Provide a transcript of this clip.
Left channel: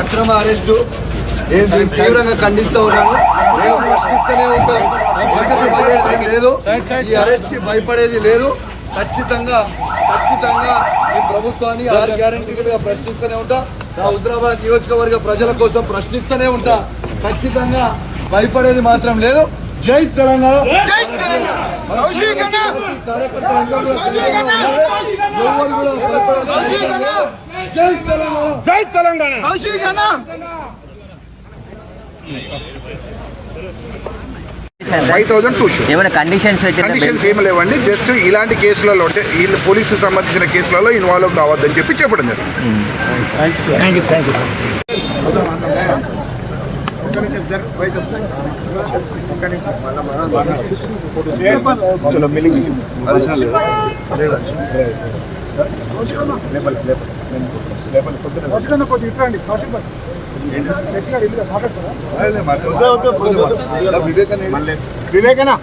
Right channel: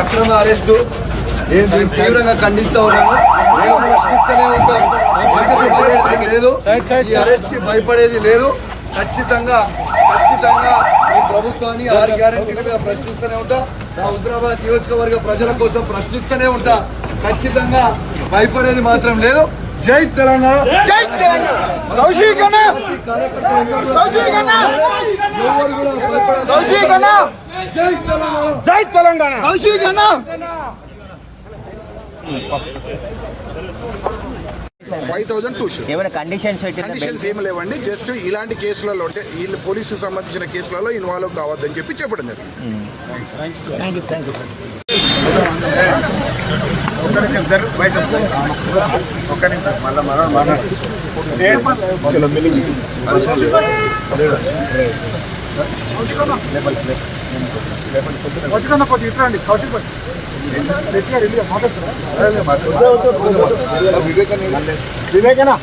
అక్రమ అరెస్టు తీవ్రంగా ఖండిస్తూ ఉన్నాను. నేను ప్రశ్నిస్తూనే ఉంటాను. లేదు, ఈ అరెస్ట్ కి భయపడేది లేదు. ఖచ్చితంగా ఈ ప్రభుత్వాన్ని 6 గ్యారెంటీలుగా ప్రశ్నిస్తూనే ఉంటా. నా హుజరాబాద్ నియోజకవర్గ ప్రజల కోసం ప్రశ్నిస్తూనే ఉంటా. ఖచ్చితంగా భయపడేది మాత్రం లేదు. జై తెలంగాణ, జై తెలంగాణ. జై తెలంగాణ. ఏమైనా కండిషన్స్ ఏమి లేవండి. జస్ట్ ఇలాంటి కేసులలో అంటే వీళ్ళు పోలీసుకు సంబంధించిన కేసులలో ఇన్వాల్వ్ కావద్దని చెప్పి చెప్పడం జరిగింది. వివేకనా